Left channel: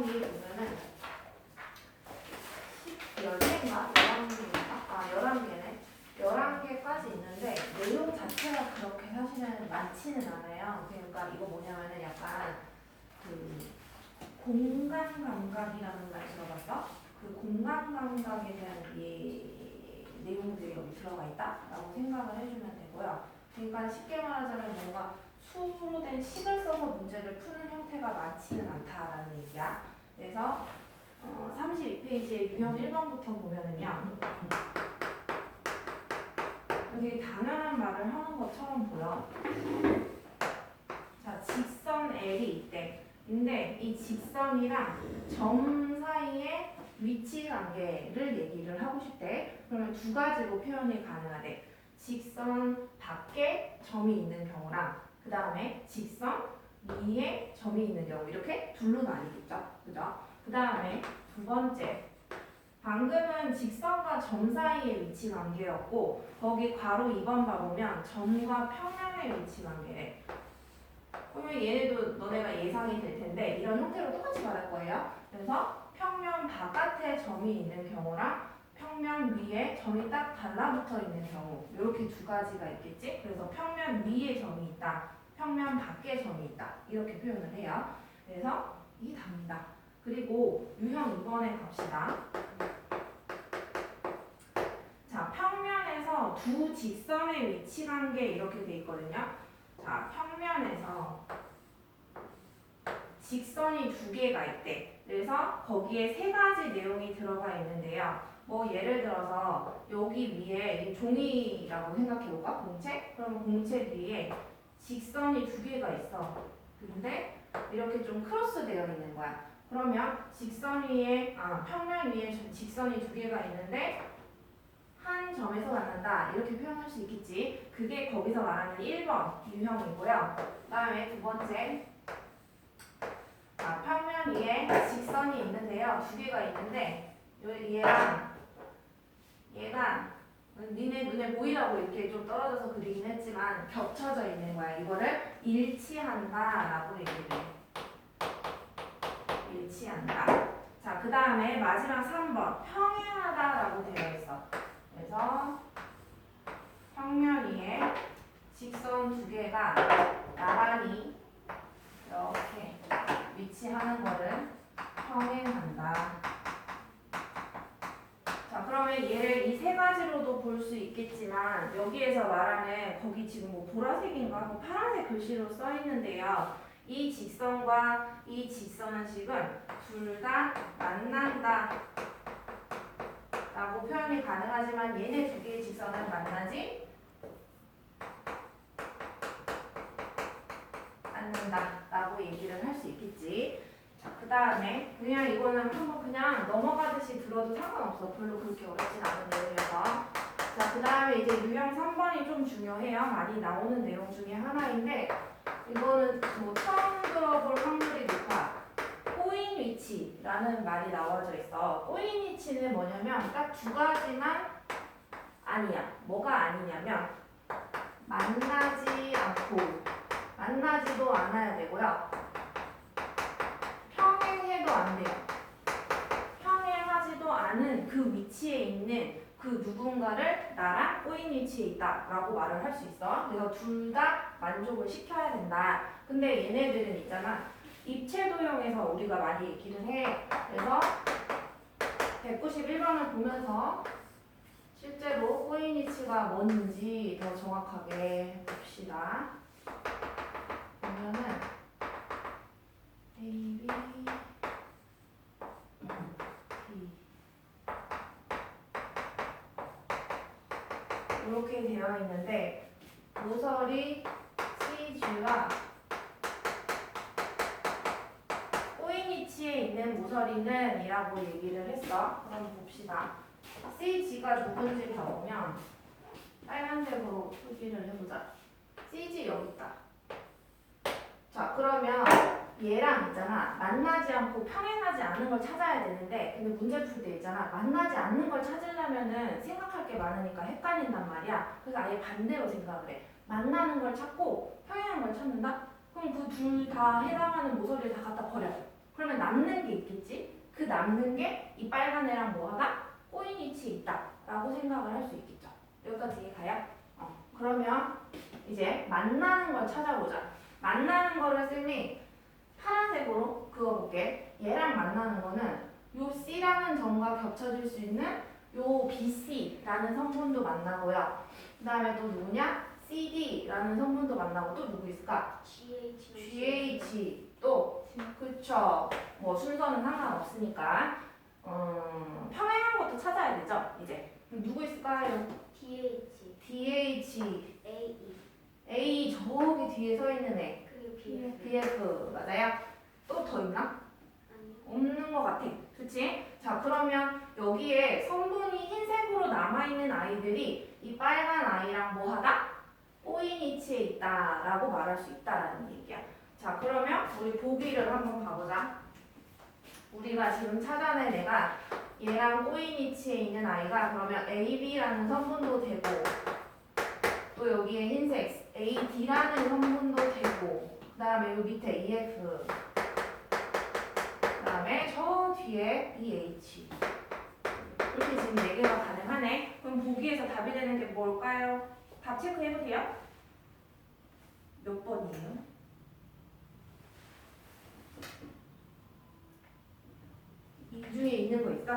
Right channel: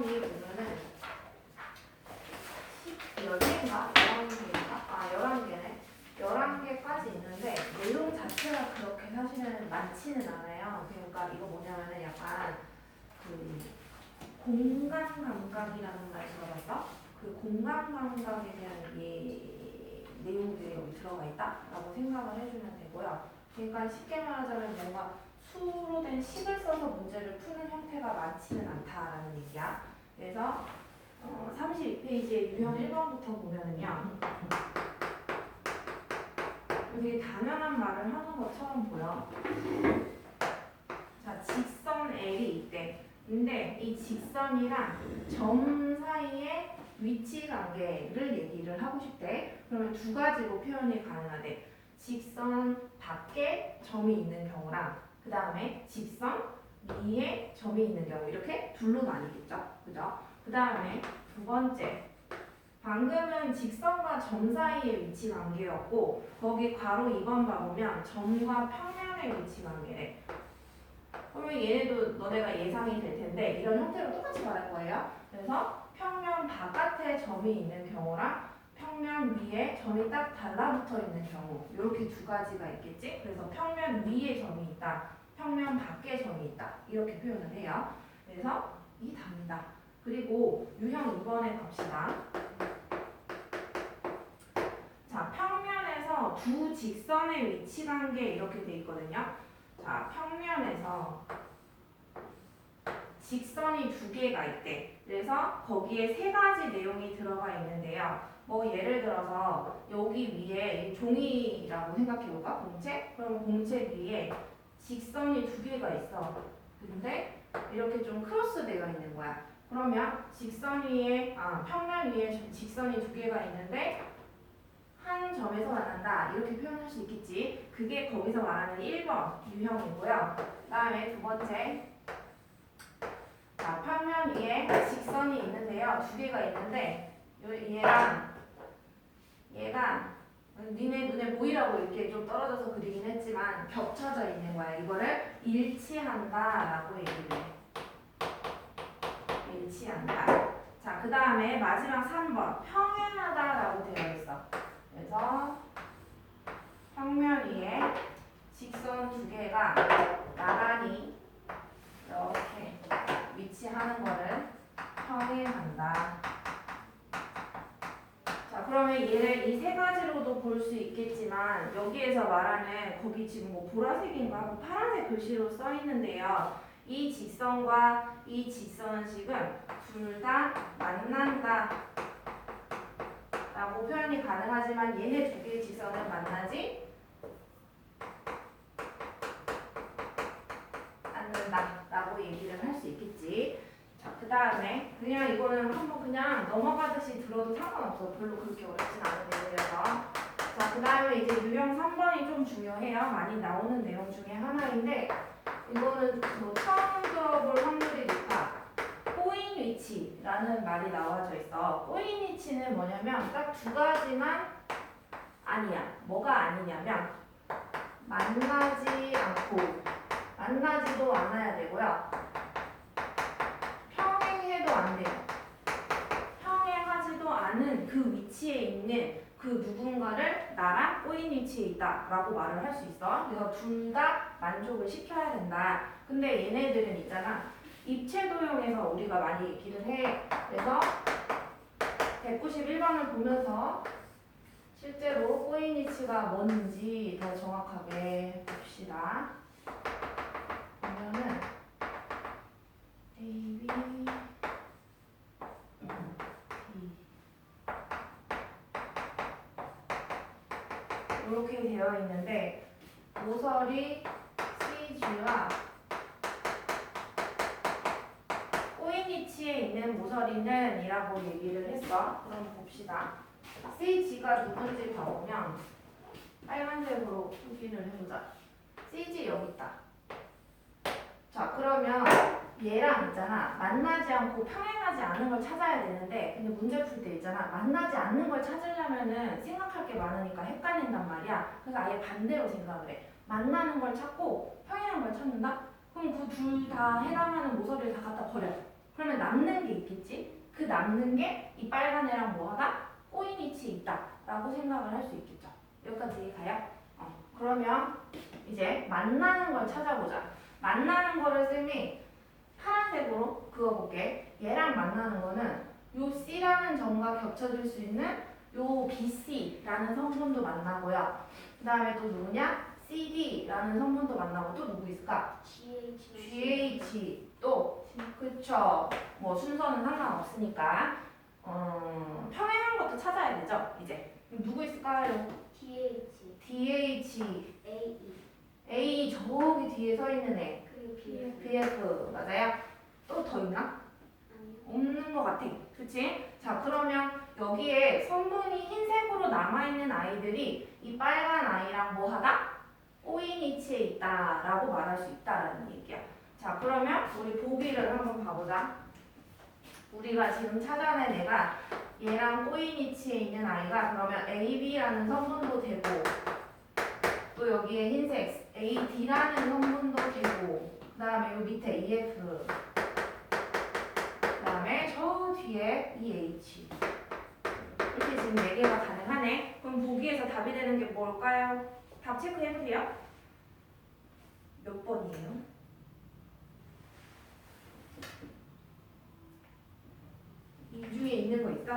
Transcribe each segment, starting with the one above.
내용이 보면은 10개인가? 11개인가? 11개네. 11개까지 있는데 내용 자체가 그렇게 사실은 많지는 않아요. 그러니까 이거 뭐냐면은 약간 그 공간 감각이라는 말 들어봤어? 그 공간 감각에 대한 내용들이 여기 들어가 있다라고 생각을 해주면 되고요. 그러니까 쉽게 말하자면 뭔가 수로 된 식을 써서 문제를 푸는 형태가 많지는 않다라는 얘기야. 그래서 32페이지에 유형 1번부터 보면은요. 되게 당연한 말을 하는 것처럼 보여. 자, 직선 L이 있대. 근데 이 직선이랑 점 사이의 위치 관계를 얘기를 하고 싶대. 그러면 두 가지로 표현이 가능하대. 직선 밖에 점이 있는 경우랑 그 다음에 직선 위에 점이 있는 경우 이렇게 둘로 나뉘겠죠. 그죠? 그 다음에 두 번째 방금은 직선과 점 사이의 위치 관계였고 거기 괄호 2번 봐보면 점과 평면의 위치 관계래. 그러면 얘네도 너네가 예상이 될 텐데 이런 형태로 똑같이 말할 거예요. 그래서 평면 바깥에 점이 있는 경우랑 평면 위에 점이 딱 달라붙어 있는 경우 이렇게 두 가지가 있겠지. 그래서 평면 위에 점이 있다, 평면 밖에 점이 있다 이렇게 표현을 해요. 그래서 이게 답니다. 그리고 유형 2번에 갑시다. 자, 평면에서 두 직선의 위치 관계 이렇게 돼 있거든요. 자, 평면에서 직선이 두 개가 있대. 그래서 거기에 세 가지 내용이 들어가 있는데요. 뭐 예를 들어서 여기 위에 종이라고 생각해볼까? 공책? 그러면 공책 위에 직선이 두 개가 있어. 근데 이렇게 좀 크로스 되어 있는 거야. 그러면 직선 위에 평면 위에 직선이 두 개가 있는데 한 점에서 만난다 이렇게 표현할 수 있겠지. 그게 거기서 말하는 1번 유형이고요. 그 다음에 두 번째 자, 평면 위에 직선이 있는데요. 두 개가 있는데 얘가 니네 눈에 보이라고 이렇게 좀 떨어져서 그리긴 했지만 겹쳐져 있는 거야. 이거를 일치한다라고 얘기를 해. 일치한다. 자, 그 다음에 마지막 3번 평행하다라고 되어 있어. 그래서 평면 위에 직선 두 개가 나란히 이렇게 위치하는 거를 평행한다. 자, 그러면 얘를 이 세 가지로도 볼 수 있겠지만 여기에서 말하는 거기 지금 뭐 보라색인가 뭐 파란색 글씨로 써 있는데요. 이 직선과 이 직선은 지금 둘 다 만난다 라고 표현이 가능하지만 얘네 두 개의 직선은 만나지 않는다 라고 얘기를 할 수 있겠지. 자, 그 다음에 그냥 이거는 한번 그냥 넘어가듯이 들어도 상관없어. 별로 그렇게 어렵진 않은 내용이라서. 자, 그 다음에 이제 유형 3번이 좀 중요해요. 많이 나오는 내용 중에 하나인데 이거는 뭐 처음 들어볼 확률이 높아. 꼬인 위치라는 말이 나와져 있어. 꼬인 위치는 뭐냐면 딱 두 가지만 아니야. 뭐가 아니냐면 만나지 않고 만나지도 않아야 되고요. 평행해도 안 돼요. 평행하지도 않은 그 위치에 있는 그 누군가를 나랑 꼬인 위치에 있다라고 말을 할 수 있어. 그래서 둘 다 만족을 시켜야 된다. 근데 얘네들은 있잖아. 입체도형에서 우리가 많이 얘기를 해. 그래서 191번을 보면서 실제로 꼬인 위치가 뭔지 더 정확하게 봅시다. 보면은 A, B, D 이렇게 되어 있는데 모서리 CG가 꼬인 위치에 있는 모서리는 이라고 얘기를 했어. 그럼 봅시다. CG가 누군지 봐보면 빨간색으로 표기를 해보자. CG 여기 있다. 자, 그러면 얘랑 있잖아. 만나지 않고 평행하지 않은 걸 찾아야 되는데 근데 문제 풀 때 있잖아. 만나지 않는 걸 찾으려면은 생각할 게 많으니까 헷갈린단 말이야. 그래서 아예 반대로 생각을 해. 만나는 걸 찾고 평행한 걸 찾는다? 그럼 그 둘 다 해당하는 모서리를 다 갖다 버려. 그러면 남는 게 있겠지? 그 남는 게 이 빨간 애랑 뭐하다? 꼬인 위치에 있다 라고 생각을 할 수 있겠죠. 여기까지 이해가요? 그러면 이제 만나는 걸 찾아보자. 만나는 거를 쌤이 파란색으로 그어볼게. 얘랑 만나는 거는 요 C라는 점과 겹쳐질 수 있는 요 BC라는 성분도 만나고요. 그 다음에 또 누구냐? CD라는 성분도 만나고 또 누구 있을까? GH 또 그쵸. 뭐 순서는 상관없으니까 평행한 것도 찾아야 되죠. 이제 누구 있을까요? DH A 저기 뒤에 서 있는 애 BF 맞아요? 또 더 있나? 없는 것 같아. 그치? 자 그러면 여기에 성분이 흰색으로 남아있는 아이들이 이 빨간 아이랑 뭐하다? 꼬인 위치에 있다라고 말할 수 있다라는 얘기야. 자 그러면 우리 보기를 한번 봐보자. 우리가 지금 찾아낸 애가 얘랑 꼬인 위치에 있는 아이가 그러면 AB라는 성분도 되고 또 여기에 흰색 AD라는 성분도 되고 그 다음에 요 밑에 EF 그 다음에 저 뒤에 EH 이렇게 지금 4개가 가능하네. 그럼 보기에서 답이 되는 게 뭘까요? 답 체크해보세요. 몇 번이에요? 이 중에 있는 거 있어?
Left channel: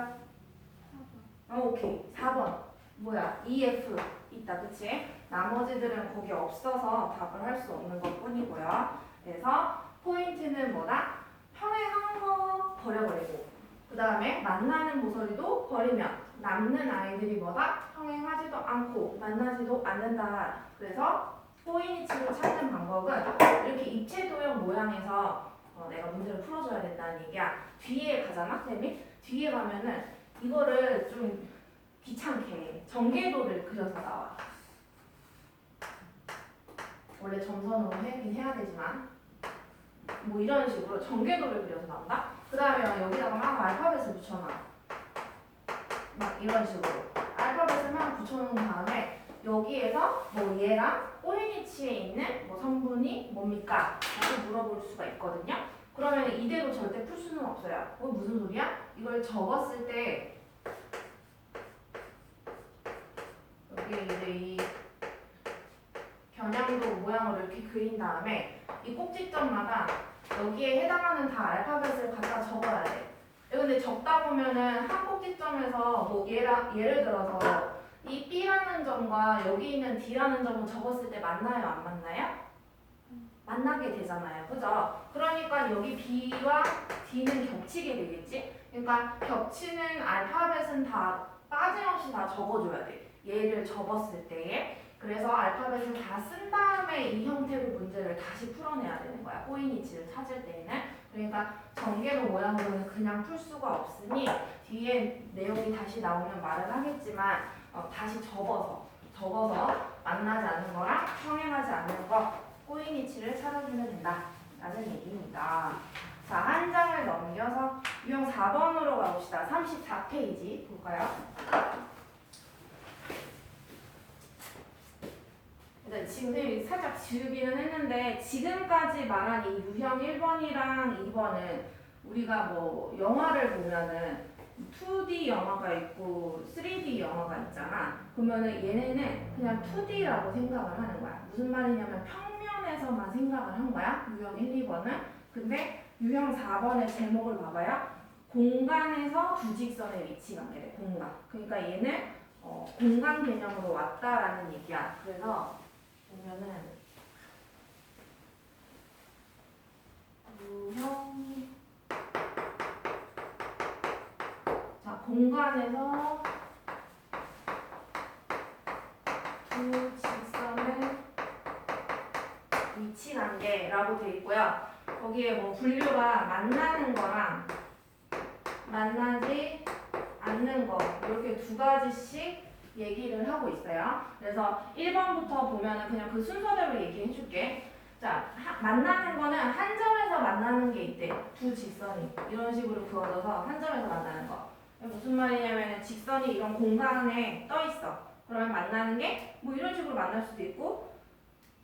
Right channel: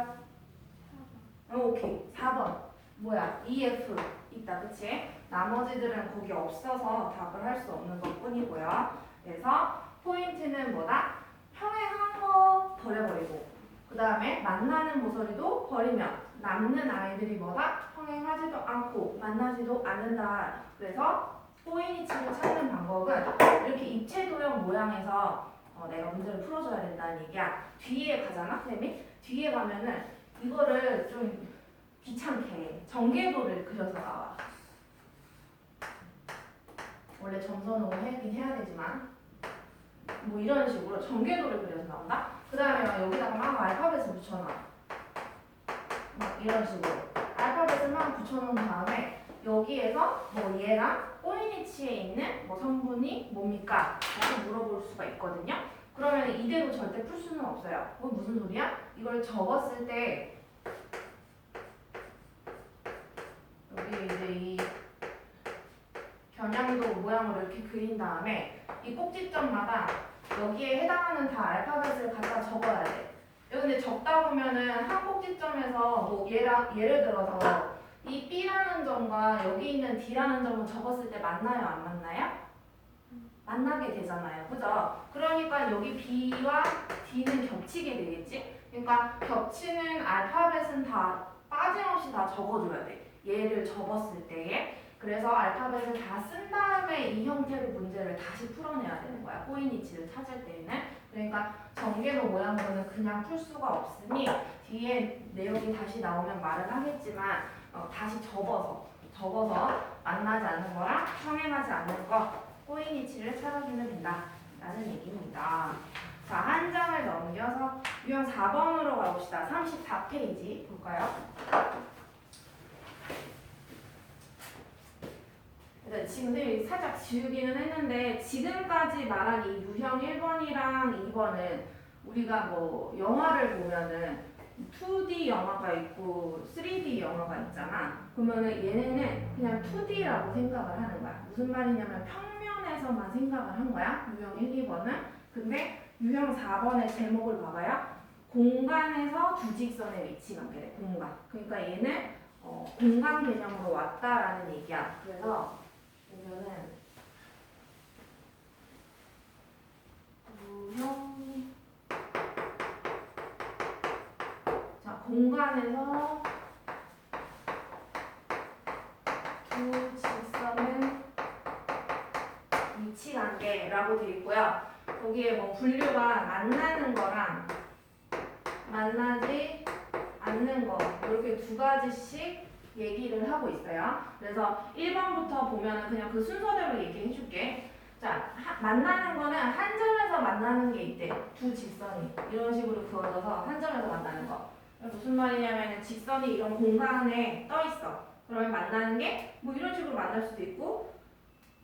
4번. 오케이. 4번. 뭐야? EF 있다. 그치? 나머지들은 거기 없어서 답을 할 수 없는 것 뿐이고요. 그래서 포인트는 뭐다? 평행한 거 버려버리고 그 다음에 만나는 모서리도 버리면 남는 아이들이 뭐다? 평행하지도 않고 만나지도 않는다. 그래서 포인트를 찾는 방법은 이렇게 입체 도형 모양에서 내가 문제를 풀어줘야 된다는 얘기야. 뒤에 가잖아, 쌤이? 뒤에 가면은 이거를 좀 귀찮게 전개도를 그려서 나와. 원래 점선으로 하긴 해야 되지만 뭐 이런 식으로 전개도를 그려서 나온다. 그 다음에 여기다가 막 알파벳을 붙여놔. 막 이런 식으로 알파벳을 막 붙여놓은 다음에 여기에서 뭐 얘랑 꼬린 위치에 있는 뭐 성분이 뭡니까? 라고 물어볼 수가 있거든요. 그러면 이대로 절대 풀 수는 없어요. 무슨 소리야? 이걸 적었을 때 여기 이제 이 겨냥도 모양으로 이렇게 그린 다음에 이 꼭지점마다 여기에 해당하는 다 알파벳을 갖다 적어야 돼. 근데 적다 보면은 한 꼭지점에서 뭐 예를 들어서 이 B라는 점과 여기 있는 D라는 점은 적었을 때 만나요, 안 만나요? 만나게 되잖아요. 그죠? 그러니까 여기 B와 D는 겹치게 되겠지? 그러니까 겹치는 알파벳은 다 빠짐없이 다 적어줘야 돼. 얘를 접었을 때에. 그래서 알파벳을 다 쓴 다음에 이 형태로 문제를 다시 풀어내야 되는 거야. 꼬인 위치를 찾을 때에는. 그러니까 전개도 모양으로는 그냥 풀 수가 없으니 뒤에 내용이 다시 나오면 말을 하겠지만 다시 접어서 만나지 않는 거랑 평행하지 않는 거 꼬인 위치를 찾아주면 된다 라는 얘기입니다. 자, 한 장을 넘겨서 유형 4번으로 가봅시다. 34페이지 볼까요? 네, 지금 살짝 지우기는 했는데 지금까지 말한 이 유형 1번이랑 2번은 우리가 뭐 영화를 보면은 2D 영화가 있고 3D 영화가 있잖아. 그러면은 얘네는 그냥 2D라고 생각을 하는 거야. 무슨 말이냐면 평면에서만 생각을 한 거야. 유형 1, 2번은. 근데 유형 4번의 제목을 봐봐요. 공간에서 두 직선의 위치 관계래. 공간. 그러니까 얘는 공간 개념으로 왔다라는 얘기야. 그래서 보면은 유형 자 공간에서 두 직선의 위치 관계라고 되어 있고요. 거기에 뭐 분류가 만나는 거랑 만나지 않는 거 이렇게 두 가지씩 얘기를 하고 있어요. 그래서 1번부터 보면은 그냥 그 순서대로 얘기해 줄게. 자, 만나는 거는 한 점에서 만나는 게 있대. 두 직선이 이런 식으로 그어져서 한 점에서 만나는 거. 무슨 말이냐면 직선이 이런 공간에 떠 있어. 그러면 만나는 게 뭐 이런 식으로 만날 수도 있고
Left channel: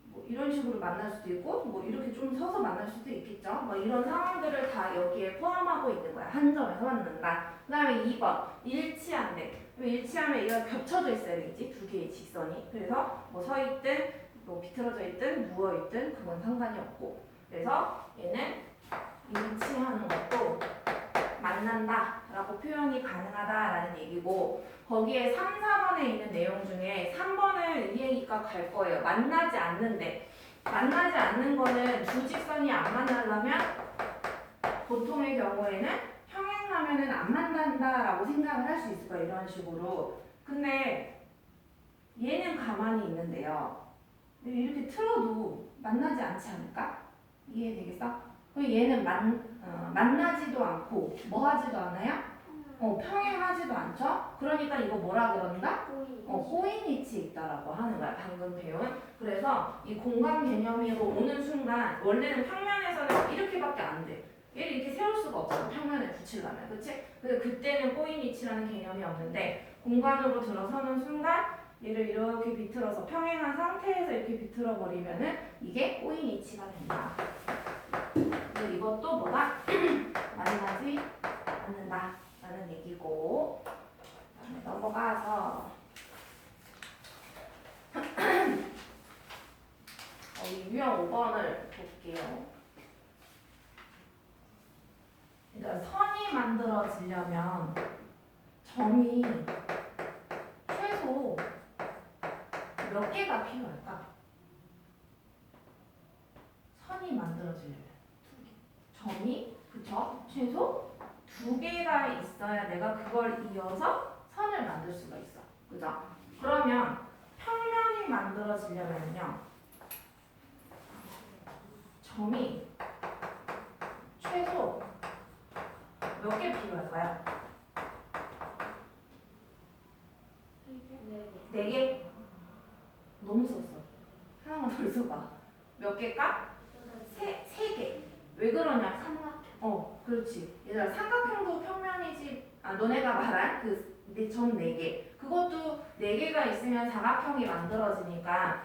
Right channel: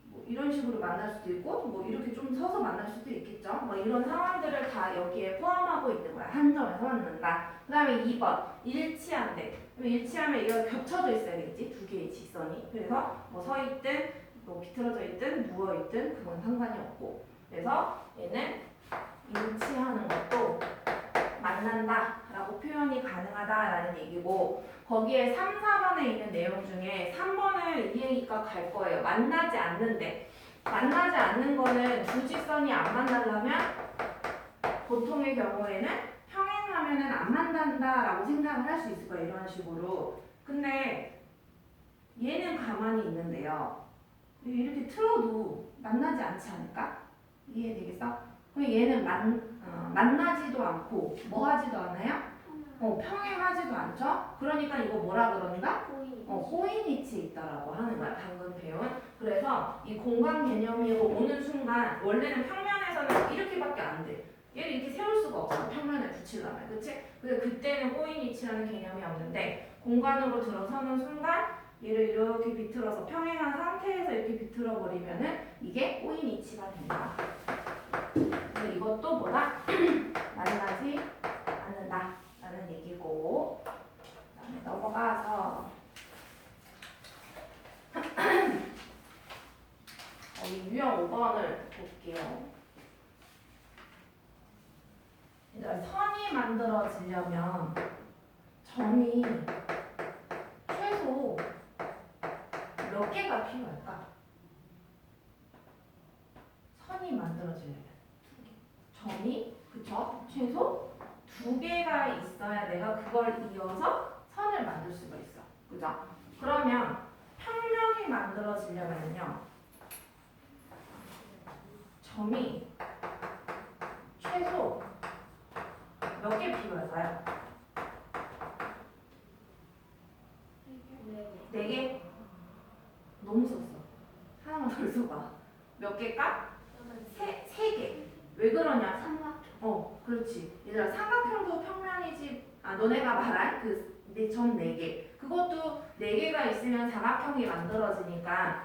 뭐 이런 식으로 만날 수도 있고 뭐 이렇게 좀 서서 만날 수도 있겠죠. 뭐 이런 상황들을 다 여기에 포함하고 있는 거야. 한 점에서 만난다. 그 다음에 2번 일치한대. 일치하면 이거 겹쳐져 있어야 되겠지. 두 개의 직선이. 그래서 뭐 서 있든 뭐 비틀어져 있든 누워 있든 그건 상관이 없고. 그래서 얘는 일치하는 것도 만난다 라고 표현이 가능하다라는 얘기고, 거기에 3, 4번에 있는 내용 중에 3번을 이해기가 갈 거예요. 만나지 않는데, 만나지 않는 거는 두 직선이 안 만나려면 보통의 경우에는 평행하면은 안 만난다라고 생각을 할 수 있을 거예요. 이런 식으로. 근데 얘는 가만히 있는데요. 이렇게 틀어도 만나지 않지 않을까? 이해되겠어? 그럼 얘는 만나지도 않고 뭐 하지도 않아요? 평행하지도 않죠? 그러니까 이거 뭐라 그런다? 호인이치 있다라고 하는 거야. 방금 배운. 그래서 이 공간 개념으로 오는 순간 원래는 평면에서는 이렇게밖에 안 돼. 얘를 이렇게 세울 수가 없잖아. 평면에 붙이려면. 그치? 그래서 그때는 호인이치라는 개념이 없는데 공간으로 들어서는 순간 얘를 이렇게 비틀어서 평행한 상태에서 이렇게 비틀어 버리면은 이게 호인이치가 된다. 그래서 이것도 뭐다? 만나지 않는다 라는 얘기고, 그다음에 넘어가서 이 유형 5번을 볼게요. 그러니까 선이 만들어지려면 점이 최소 몇 개가 필요할까? 선이 만들어지려면 점이 그쵸? 최소 2개가 있어야 내가 그걸 이어서 선을 만들 수가 있어. 그죠? 그러면 평면이 만들어지려면요, 점이 최소 몇 개 필요할까요? 4개? 너무 썼어. 하나만 더 써봐. 몇 개일까? 3개. 왜 그러냐? 그렇지. 얘들아, 삼각형도 평면이지. 너네가 말한 점 4개. 그것도 4개가 있으면 사각형이 만들어지니까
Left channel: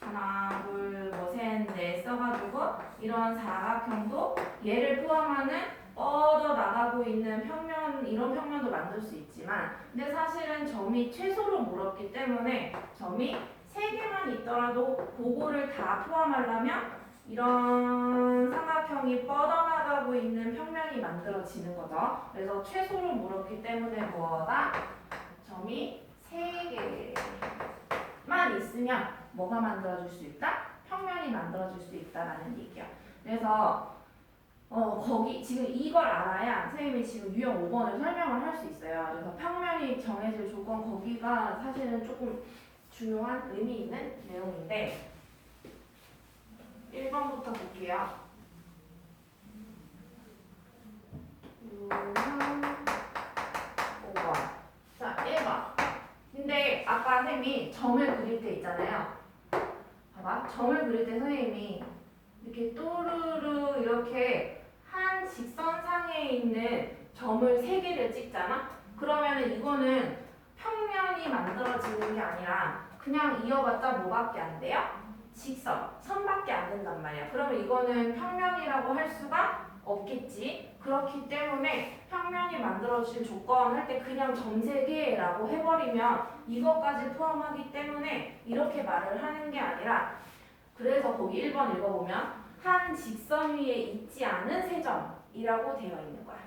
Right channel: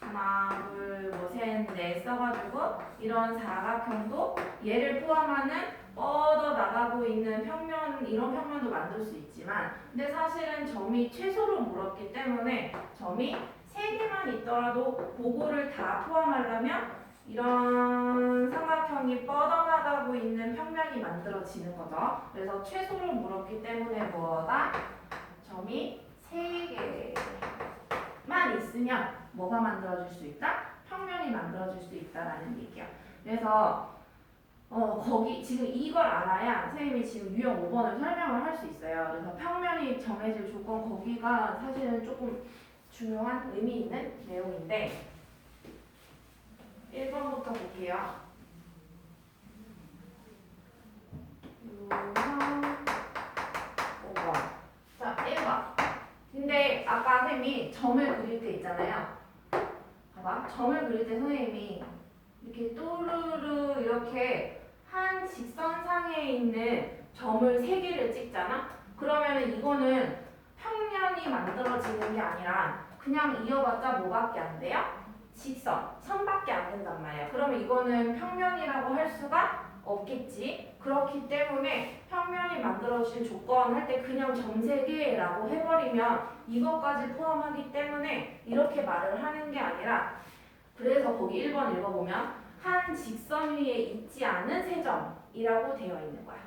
하나, 둘, 뭐, 셋, 넷 써가지고 이런 사각형도 얘를 포함하는 뻗어 나가고 있는 평면, 이런 평면도 만들 수 있지만, 근데 사실은 점이 최소로 물었기 때문에 점이 3개만 있더라도 그거를 다 포함하려면 이런 삼각형이 뻗어나가고 있는 평면이 만들어지는 거죠. 그래서 최소를 물었기 때문에 뭐다? 점이 3개만 있으면 뭐가 만들어질 수 있다? 평면이 만들어질 수 있다라는 얘기야. 그래서 거기 지금 이걸 알아야 선생님이 지금 유형 5번을 설명을 할 수 있어요. 그래서 평면이 정해질 조건, 거기가 사실은 조금 중요한 의미 있는 내용인데, 1번부터 볼게요. 유형 5번. 자, 1번. 근데 아까 선생님이 점을 그릴 때 있잖아요. 봐봐. 점을 그릴 때 선생님이 이렇게 또르르 이렇게 한 직선상에 있는 점을 3개를 찍잖아? 그러면 이거는 평면이 만들어지는 게 아니라 그냥 이어봤자 뭐밖에 안 돼요? 직선, 선밖에 안 된단 말이야. 그러면 이거는 평면이라고 할 수가 없겠지. 그렇기 때문에 평면이 만들어질 조건 할 때 그냥 점 3개라고 해버리면 이것까지 포함하기 때문에 이렇게 말을 하는 게 아니라, 그래서 거기 1번 읽어보면 한 직선 위에 있지 않은 세 점이라고 되어 있는 거야.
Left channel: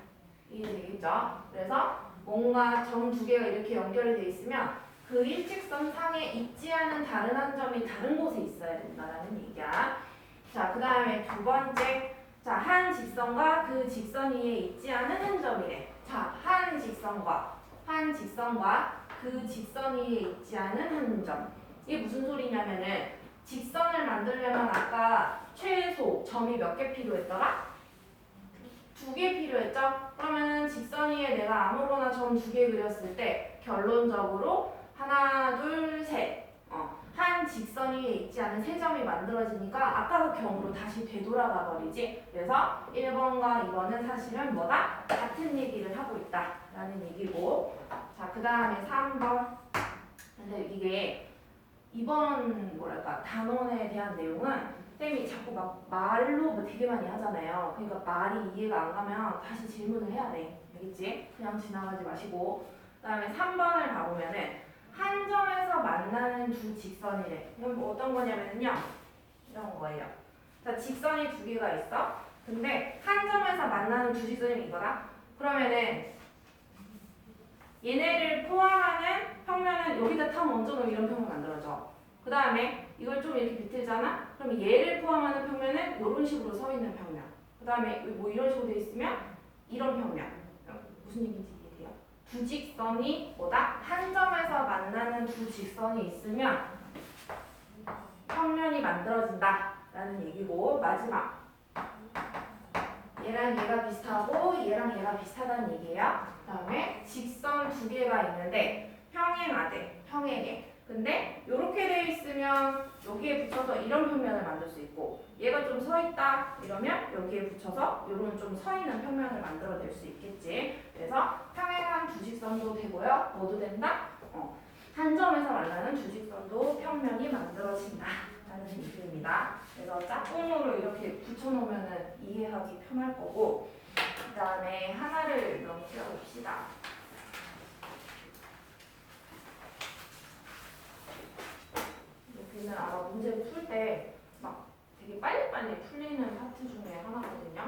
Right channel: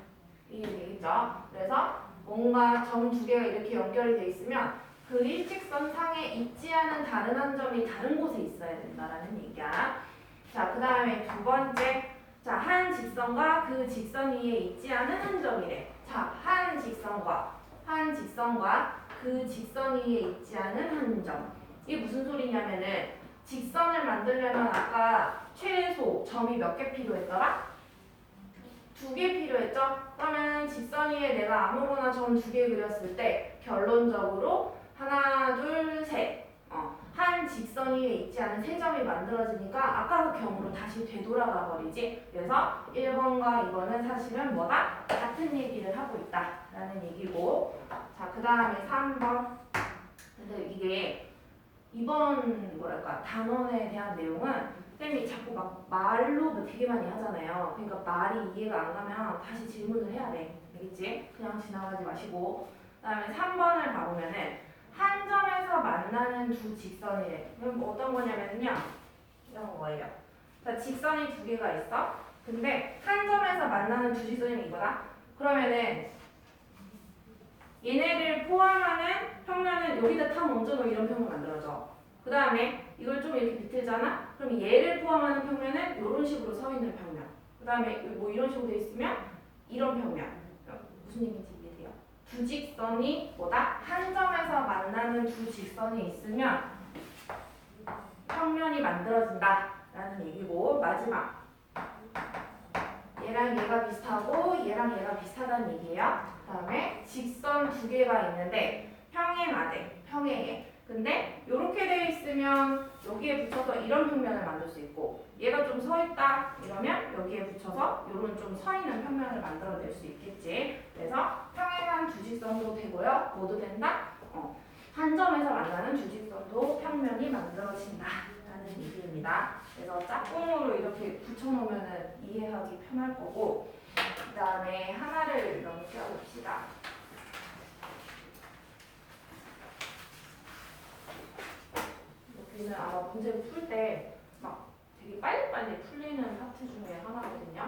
이해되겠죠? 그래서 뭔가 점 2개가 이렇게 연결이 돼 있으면 그 일직선 상에 있지 않은 다른 한 점이 다른 곳에 있어야 된다라는 얘기야. 자, 그 다음에 2번째. 자, 한 직선과 그 직선 위에 있지 않은 한 점이래. 자, 한 직선과 그 직선 위에 있지 않은 한 점. 이게 무슨 소리냐면은 직선을 만들려면 아까 최소 점이 몇 개 필요했더라? 2개 필요했죠? 그러면 직선 위에 내가 아무거나 점 2개 그렸을 때 결론적으로 하나, 둘, 셋. 한 직선 위에 있지 않은 3점이 만들어지니까 아까 그 경우로 다시 되돌아가 버리지. 그래서 1번과 2번은 사실은 뭐다? 같은 얘기를 하고 있다라는 얘기고. 자, 그 다음에 3번. 근데 이게 이번 단원에 대한 내용은 쌤이 자꾸 막 말로 뭐 되게 많이 하잖아요. 그러니까 말이 이해가 안 가면 다시 질문을 해야 돼. 알겠지? 그냥 지나가지 마시고. 그다음에 3번을 가보면은 한 점에서 만나는 두 직선이래. 그럼 뭐 어떤 거냐면요. 이런 거예요. 자, 직선이 두 개가 있어. 근데 한 점에서 만나는 두 직선이 이거다. 그러면은 얘네를 포함하는 평면은 여기다 탁 얹어놓으면 이런 평면 만들어져. 그 다음에 이걸 좀 이렇게 비틀잖아? 그럼 얘를 포함하는 평면은 이런 식으로 서 있는 평면. 그 다음에 뭐 이런 식으로 돼 있으면 이런 평면. 무슨 얘기인지 이해돼요? 두 직선이 뭐다? 한 점에서 만나는 두 직선이 있으면 평면이 만들어진다 라는 얘기고, 마지막 얘랑 얘가 비슷하고 얘랑 얘가 비슷하다는 얘기예요. 그 다음에 직선 두 개가 있는데 평행하대, 평행해. 근데 이렇게 돼 있으면 여기에 붙여서 이런 평면을 만들 수 있고, 얘가 좀 서 있다 이러면 여기에 붙여서 이런 좀 서 있는 평면을 만들어낼 수 있겠지. 그래서 평행한 두 직선도 되고요. 뭐도 된다? 한 점에서 만나는 두 직선도 평면이 만들어진다 라는 얘기입니다. 그래서 짝꿍으로 이렇게 붙여놓으면 이해하기 편할 거고, 그 다음에 하나를 넘겨봅시다. 여기는 아마 문제를 풀 때 막 되게 빨리빨리 풀리는 파트 중에 하나거든요.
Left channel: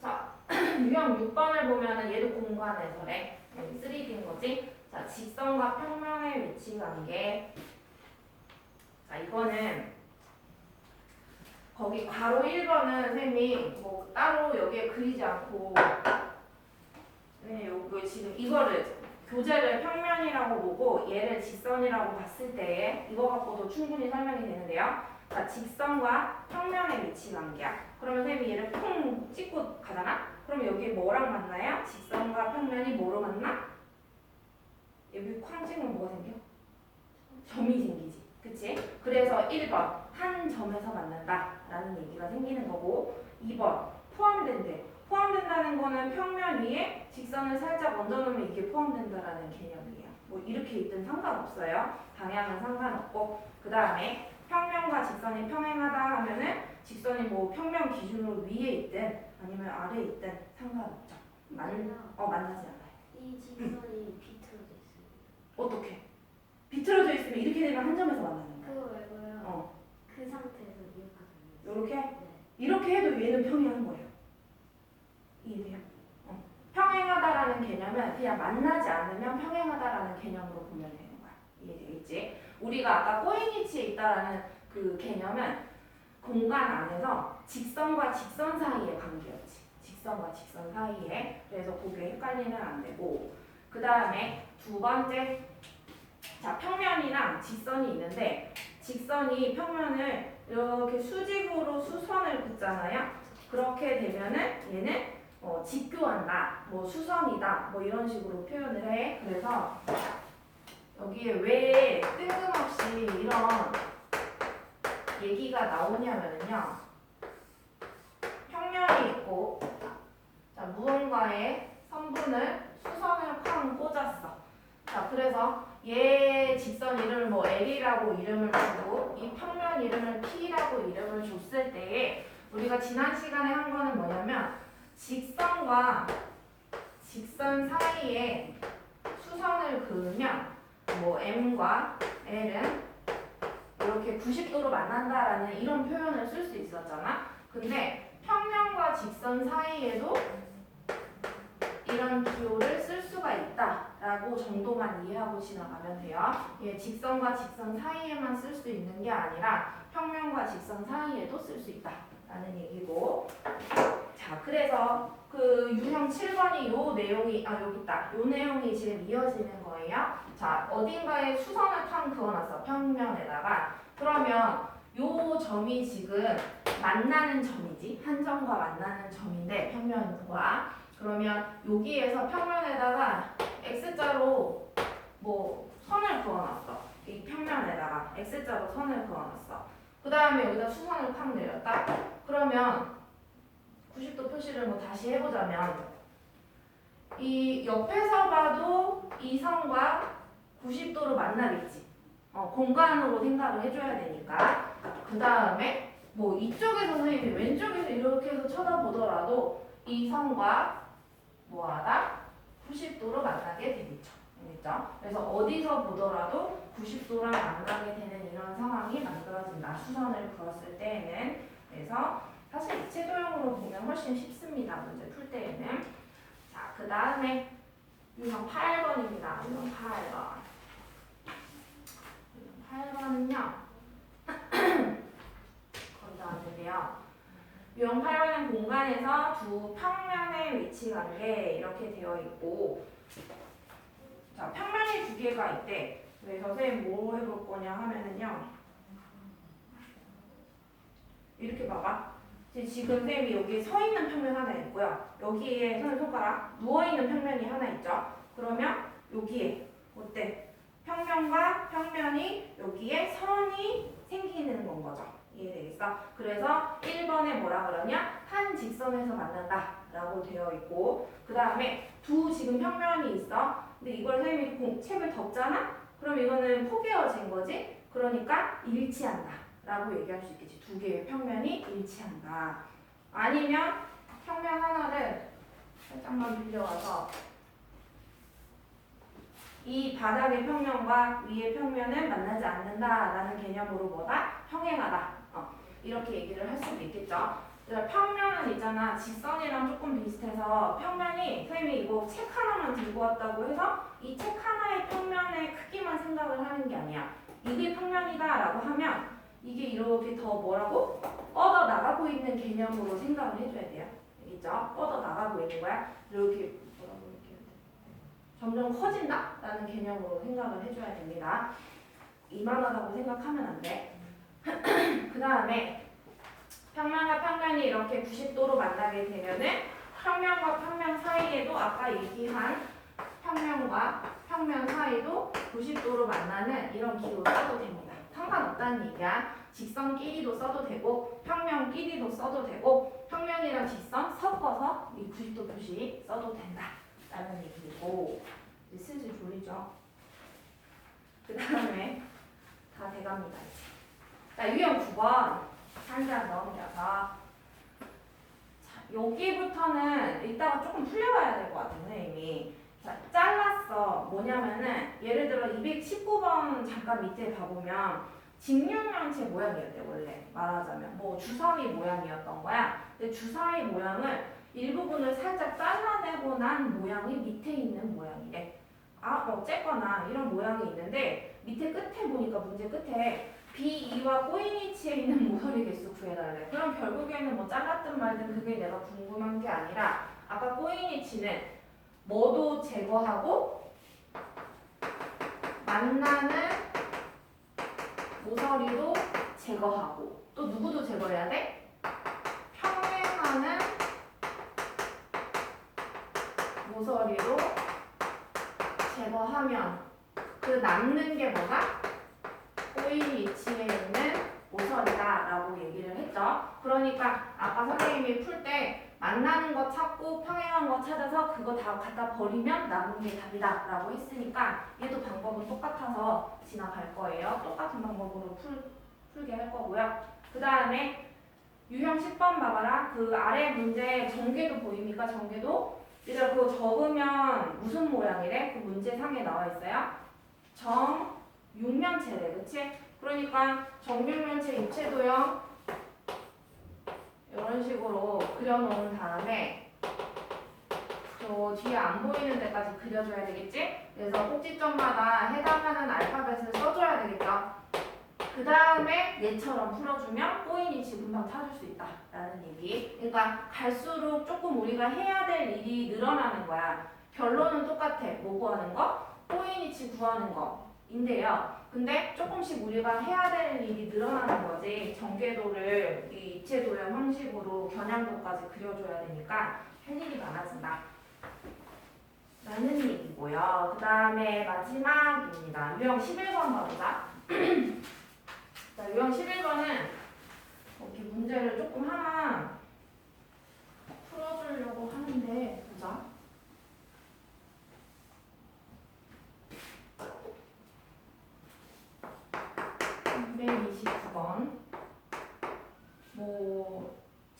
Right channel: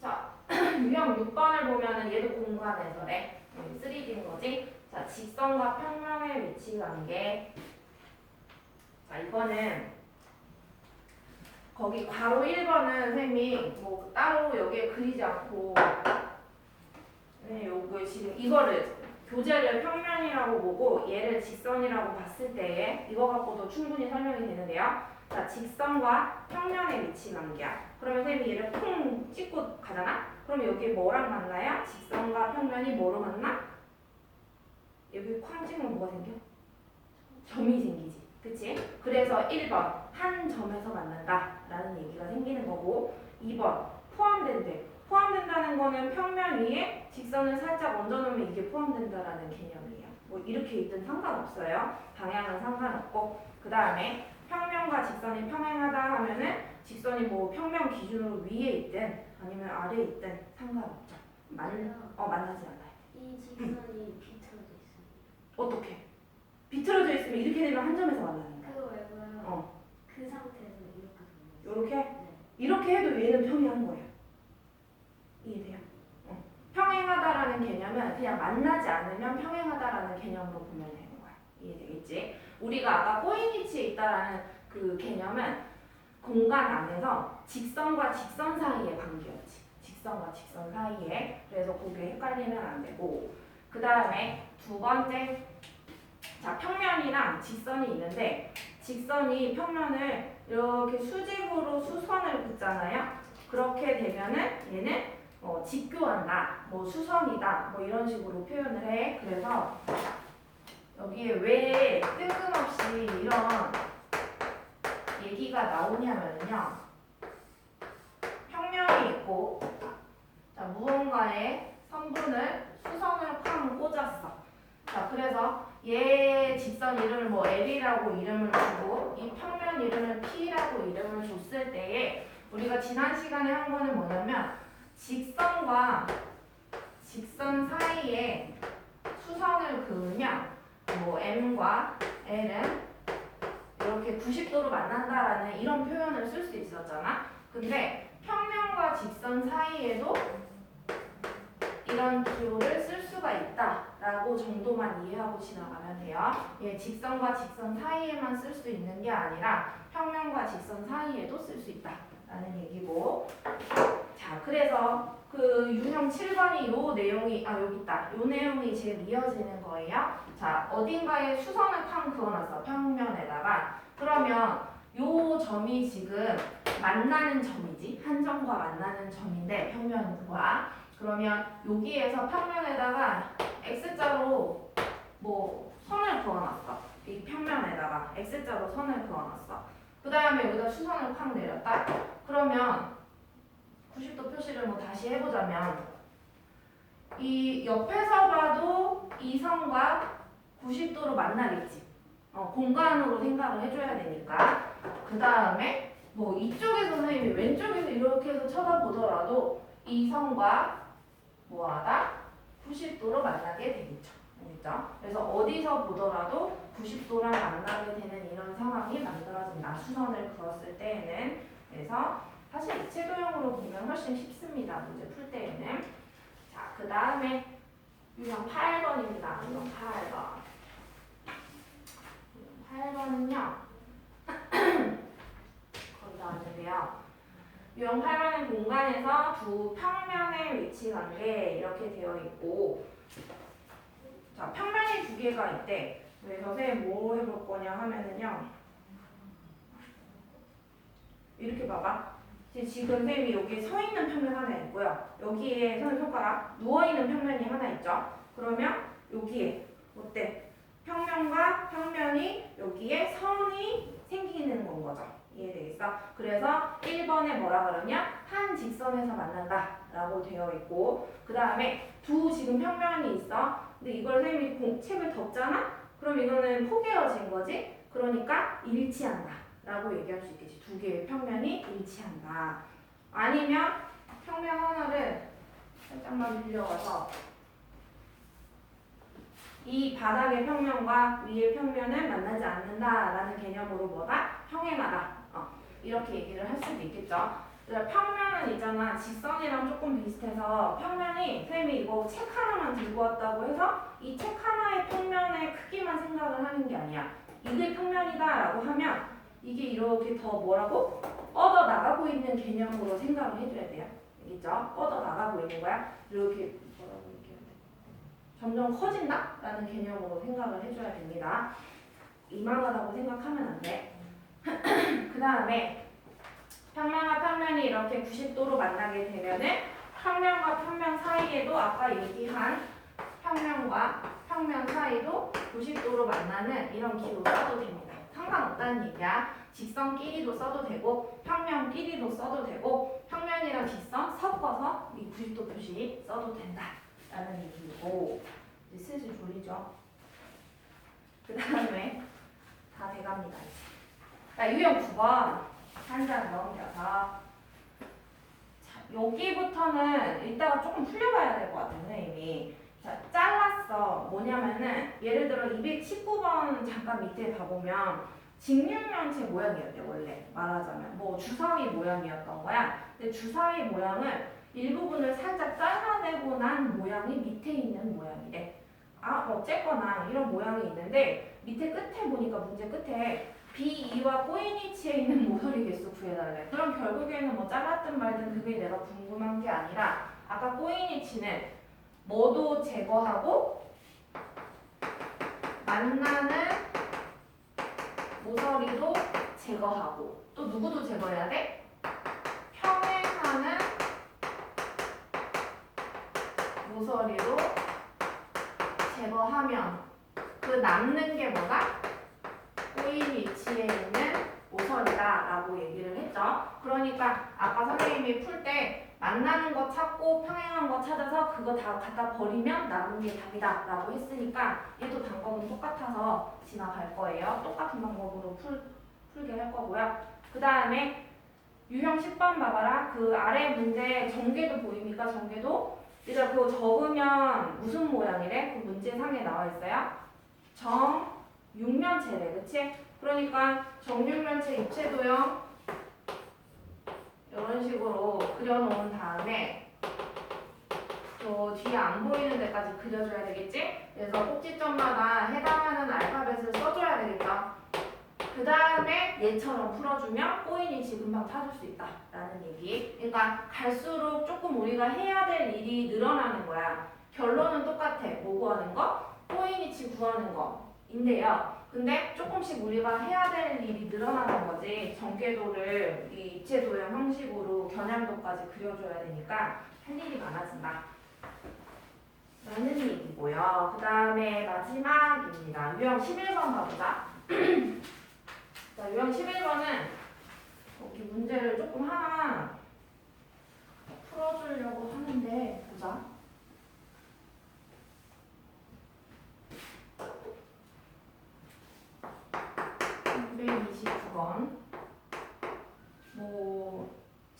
자, 유형 6번을 보면은 얘도 공간에서래. 3D인 거지. 자, 직선과 평면의 위치 관계. 자, 이거는 거기 괄호 1번은 쌤이 뭐 따로 여기에 그리지 않고, 네, 요거 지금 이거를 교재를 평면이라고 보고 얘를 직선이라고 봤을 때 이거 갖고도 충분히 설명이 되는데요. 자, 직선과 평면의 위치 관계야. 그러면 쌤이 얘를 쿵 찍고 가잖아? 그럼 여기 뭐랑 만나요? 직선과 평면이 뭐로 만나? 여기 쾅 찍으면 뭐가 생겨? 점이 생기지. 그치? 그래서 1번 한 점에서 만난다 라는 얘기가 생기는 거고, 2번 포함된대. 포함된다는 거는 평면 위에 직선을 살짝 얹어놓으면 이게 포함된다라는 개념이에요. 뭐 이렇게 있든 상관없어요. 방향은 상관없고. 그 다음에 평면과 직선이 평행하다 하면은 직선이 뭐 평면 기준으로 위에 있든 아니면 아래에 있든 상관없죠. 만나지 않아요. 이 직선이 비틀어져 있습니다. 어떻게? 비틀어져 있으면 이렇게 되면 한 점에서 만나는 거야. 그거 외고요. 어. 그 상태에서 이렇게 하는 거예요. 요렇게? 네. 이렇게 해도 얘는 평행한 거예요. 이해돼요? 평행하다라는 개념은 그냥 만나지 않으면 평행하다라는 개념으로 보면 되는 거야. 이해되겠지? 우리가 아까 꼬인위치에 있다라는 그 개념은 공간 안에서 직선과 직선 사이의 관계였지. 직선과 직선 사이에. 그래서 그게 헷갈리면 안 되고, 그 다음에 두 번째, 자, 평면이랑 직선이 있는데 직선이 평면을 이렇게 수직으로 수선을 긋잖아요. 그렇게 되면은 얘는 직교한다, 뭐 수선이다, 뭐 이런 식으로 표현을 해. 그래서 여기에 왜 뜬금없이 이런 얘기가 나오냐면요. 평면이 있고, 자, 무언가의 성분을 수선을 쾅 꽂았어. 자, 그래서 얘 직선 이름을 뭐 L이라고 이름을 주고 이 평면 이름을 P라고 이름을 줬을 때에 우리가 지난 시간에 한 거는 뭐냐면 직선과 직선 사이에 수선을 그으면 뭐 M과 L은 이렇게 90도로 만난다라는 이런 표현을 쓸 수 있었잖아. 근데 평면과 직선 사이에도 이런 기호를 쓸 수가 있다라고 정도만 이해하고 지나가면 돼요. 예, 직선과 직선 사이에만 쓸 수 있는 게 아니라 평면과 직선 사이에도 쓸 수 있다라는 얘기고. 자, 그래서 그 유형 7번이 요 내용이 여기 있다. 요 내용이 제일 이어지는 거예요. 자, 어딘가에 수선을 탕 그어놨어. 평면에다가. 그러면 요 점이 지금 만나는 점이지. 한 점과 만나는 점인데 평면과. 그러면 여기에서 평면에다가 X자로 뭐 선을 그어놨어. 이 평면에다가 X자로 선을 그어놨어. 그 다음에 여기다 수선을 팍 내렸다. 그러면 90도 표시를 뭐 다시 해보자면 이 옆에서 봐도 이 선과 90도로 만나겠지. 공간으로 생각을 해줘야 되니까. 그 다음에 뭐 이쪽에서 선생님이 왼쪽에서 이렇게 해서 쳐다보더라도 이 선과 뭐하다? 90도로 만나게 되겠죠. 알겠죠? 그래서 어디서 보더라도 90도랑 만나게 되는 이런 상황이 만들어진다. 수선을 그었을 때에는. 그래서 사실 입체도형으로 보면 훨씬 쉽습니다. 문제 풀 때에는. 자, 그 다음에 유형 8번입니다. 유형 8번. 8번은요. 거의 다 왔는데요. 유형 8번은 공간에서 두 평면의 위치 관계 이렇게 되어 있고, 자, 평면이 두 개가 있대. 그래서 선생님 뭐 해볼 거냐 하면은요. 이렇게 봐봐. 지금 선생님이 여기 서 있는 평면 하나 있고요. 여기에 선생님 손가락 누워 있는 평면이 하나 있죠. 그러면 여기에 어때? 평면과 평면이 여기에 선이 생기는 건 거죠. 이해되겠어? 그래서 1번에 뭐라 그러냐? 한 직선에서 만난다 라고 되어 있고, 그 다음에 두 지금 평면이 있어. 근데 이걸 선생님이 책을 덮잖아? 그럼 이거는 포개어진 거지? 그러니까 일치한다 라고 얘기할 수 있겠지. 두 개의 평면이 일치한다. 아니면 평면 하나를 살짝만 빌려와서 이 바닥의 평면과 위의 평면은 만나지 않는다라는 개념으로 뭐다? 평행하다. 이렇게 얘기를 할 수도 있겠죠. 그래서 평면은 있잖아. 직선이랑 조금 비슷해서 평면이 선생님이 이거 책 하나만 들고 왔다고 해서 이 책 하나의 평면의 크기만 생각을 하는 게 아니야. 이게 평면이다라고 하면 이게 이렇게 더 뭐라고? 뻗어 나가고 있는 개념으로 생각을 해줘야 돼요. 알겠죠? 뻗어 나가고 있는 거야. 이렇게 뭐라고 얘기해야 돼? 점점 커진다라는 개념으로 생각을 해줘야 됩니다. 이만하다고 생각하면 안 돼. 그 다음에 평면과 평면이 이렇게 90도로 만나게 되면은 평면과 평면 사이에도 아까 얘기한 평면과 평면 사이도 90도로 만나는 이런 기호 써도 됩니다. 상관없다는 얘기야. 직선끼리도 써도 되고 평면끼리도 써도 되고 평면이랑 직선 섞어서 이 90도 표시 써도 된다라는 얘기고, 이제 슬슬 졸리죠. 그 다음에 다 돼갑니다. 자, 유형 9번 한 장 넘겨서, 자, 여기부터는 이따가 조금 풀려봐야 될 것 같아요, 선생님이. 자, 잘랐어. 뭐냐면은 예를 들어 219번 잠깐 밑에 가보면 직육면체 모양이었대. 원래 말하자면 뭐 주사위 모양이었던 거야. 근데 주사위 모양을 일부분을 살짝 잘라내고 난 모양이 밑에 있는 모양이래. 어쨌거나 이런 모양이 있는데 밑에 끝에 보니까 문제 끝에 B2와 꼬인위치에 있는 모서리 개수 구해달래. 그럼 결국에는 뭐 잘랐든 말든 그게 내가 궁금한 게 아니라 아까 꼬인위치는 뭐도 제거하고 만나는 모서리도 제거하고 또 누구도 제거해야 돼? 평행하는 모서리로 제거하면 그 남는 게 뭐다? 꼬인 위치에 있는 모서리다라고 얘기를 했죠. 그러니까 아까 선생님이 풀 때 만나는 거 찾고 평행한 거 찾아서 그거 다 갖다 버리면 남은 게 답이다라고 했으니까 얘도 방법은 똑같아서 지나갈 거예요. 똑같은 방법으로 풀게 할 거고요. 그 다음에 유형 10번 봐봐라. 그 아래 문제 전개도 보입니까? 전개도? 일단 그거 적으면 무슨 모양이래? 그 문제상에 나와 있어요. 정육면체래. 그치? 그러니까 정육면체 입체도형 이런 식으로 그려놓은 다음에 저 뒤에 안 보이는 데까지 그려줘야 되겠지? 그래서 꼭지점마다 해당하는 알파벳을 써줘야 되겠다. 그 다음에 얘처럼 풀어주면 꼬인위치 금방 찾을 수 있다라는 얘기. 그러니까 갈수록 조금 우리가 해야 될 일이 늘어나는 거야. 결론은 똑같아. 뭐 구하는 거? 꼬인위치 구하는 거인데요. 근데 조금씩 우리가 해야 될 일이 늘어나는 거지. 전개도를 이 입체도형 형식으로 겨냥도까지 그려줘야 되니까 할 일이 많아진다 라는 얘기고요. 그 다음에 마지막입니다. 유형 11번 봐보자. 자, 유형 11번은 이렇게 문제를 조금 하나 풀어주려고 하는데 보자. (329번)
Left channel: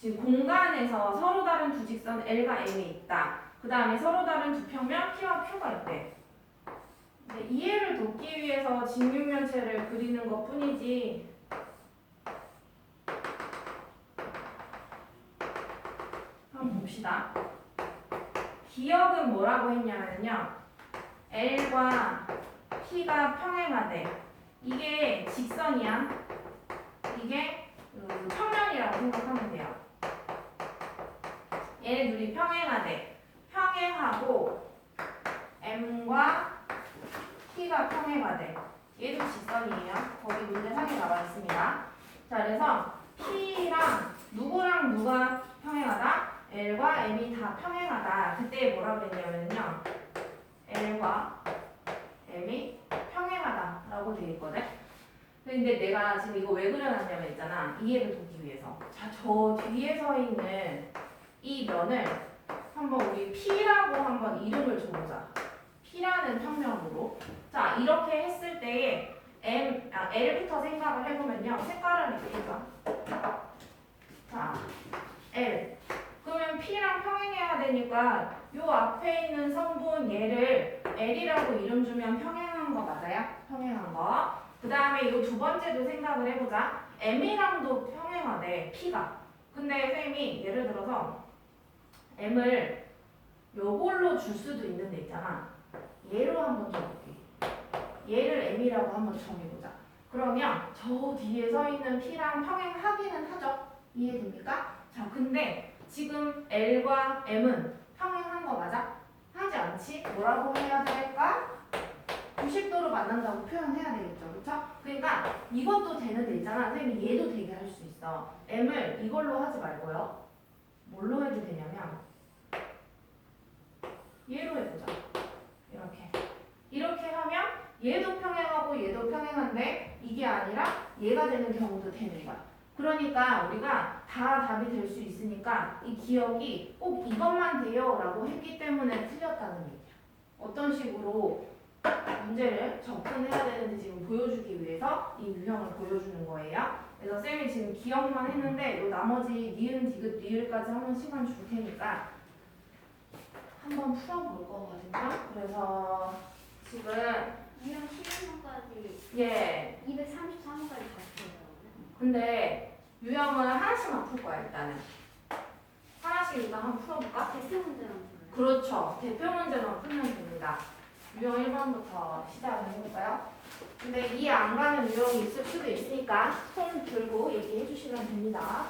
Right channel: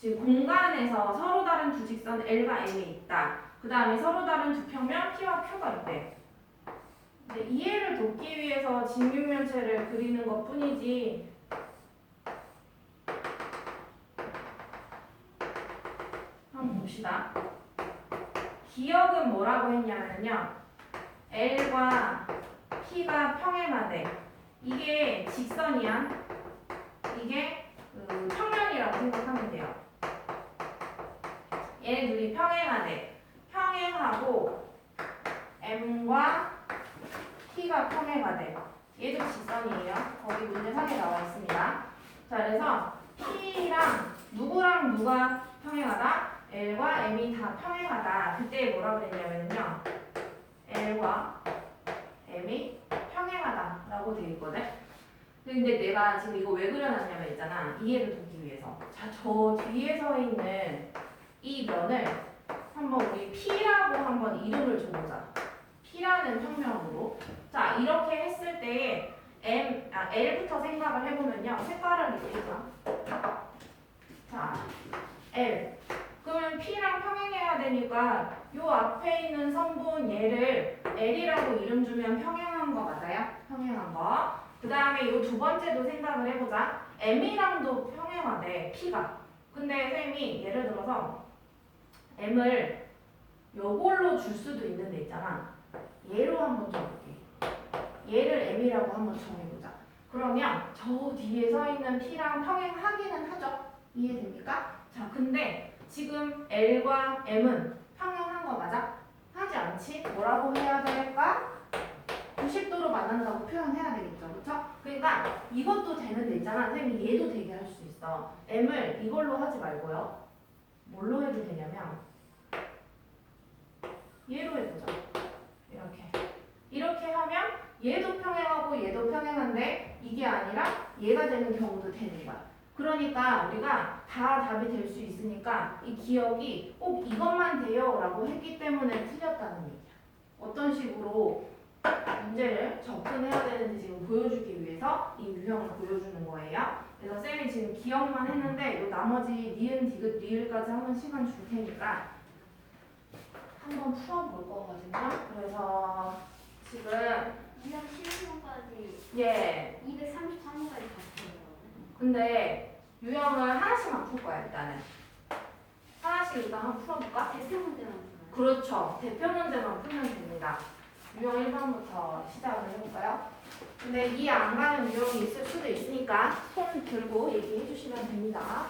지금 공간에서 서로 다른 두 직선 L과 M이 있다. 그 다음에 서로 다른 두 평면 P와 Q가 있대. 근데 이해를 돕기 위해서 직육면체를 그리는 것 뿐이지 한번 봅시다. 기억은 뭐라고 했냐면요. L과 P가 평행하대. 이게 직선이야. 이게 평면이라고 생각하면 돼요. 얘네 둘이 평행하대. 평행하고 M과 T가 평행하대. 얘도 직선이에요. 거기 문제 3에 나와 있습니다. 자, 그래서 T랑 누구랑 누가 평행하다? L과 M이 다 평행하다. 그때 뭐라고 그랬냐면요. L과 M이 평행하다라고 되어 있거든. 근데 내가 지금 이거 왜 그려놨냐면 있잖아. 이해를 돕기 위해서. 자, 저 뒤에 서 있는 이 면을 한번 우리 P라고 한번 이름을 줘보자. P라는 평면으로. 자, 이렇게 했을 때에 L부터 생각을 해보면요. 색깔을 이렇게 봐. 자, L. 그러면 P랑 평행해야 되니까 요 앞에 있는 성분 얘를 L이라고 이름 주면 평행한 거 맞아요? 평행한 거. 그 다음에 이 두 번째도 생각을 해보자. M이랑도 평행하대, P가. 근데 쌤이 예를 들어서 M을 요걸로 줄 수도 있는데 있잖아. 얘로 한번 줘볼게. 얘를 M이라고 한번 정해보자. 그러면 저 뒤에 서 있는 P랑 평행하기는 하죠. 이해됩니까? 자, 근데 지금 L과 M은 평행한 거 맞아? 하지 않지? 뭐라고 해야 될까? 90도로 만난다고 표현해야 되겠죠. 그쵸? 그러니까 이것도 되는데 있잖아. 선생님이 얘도 되게 할 수 있어. M을 이걸로 하지 말고요. 뭘로 해도 되냐면 얘로 해보자. 이렇게 하면 얘도 평행하고 얘도 평행한데 이게 아니라 얘가 되는 경우도 되는 거야. 그러니까 우리가 다 답이 될 수 있으니까 이 기억이 꼭 이것만 돼요 라고 했기 때문에 틀렸다는 얘기야. 어떤 식으로 문제를 접근해야 되는지 지금 보여주기 위해서 이 유형을 보여주는 거예요. 그래서 쌤이 지금 기억만 했는데 요 나머지 니은, 디귿, 리을까지 하는 시간 줄 테니까 한번 풀어볼 거거든요. 그래서 지금 그냥 11번까지 예. 233번까지 봤어요. 근데 유형을 하나씩만 풀 거야 일단은. 하나씩 일단 한번 풀어볼까? 대표 문제만 풀어요. 그렇죠. 대표 문제만 풀면 됩니다. 유형 1번부터 시작을 해볼까요? 근데 이해 안 가는 유형이 있을 수도 있으니까 손 들고 얘기해 주시면 됩니다.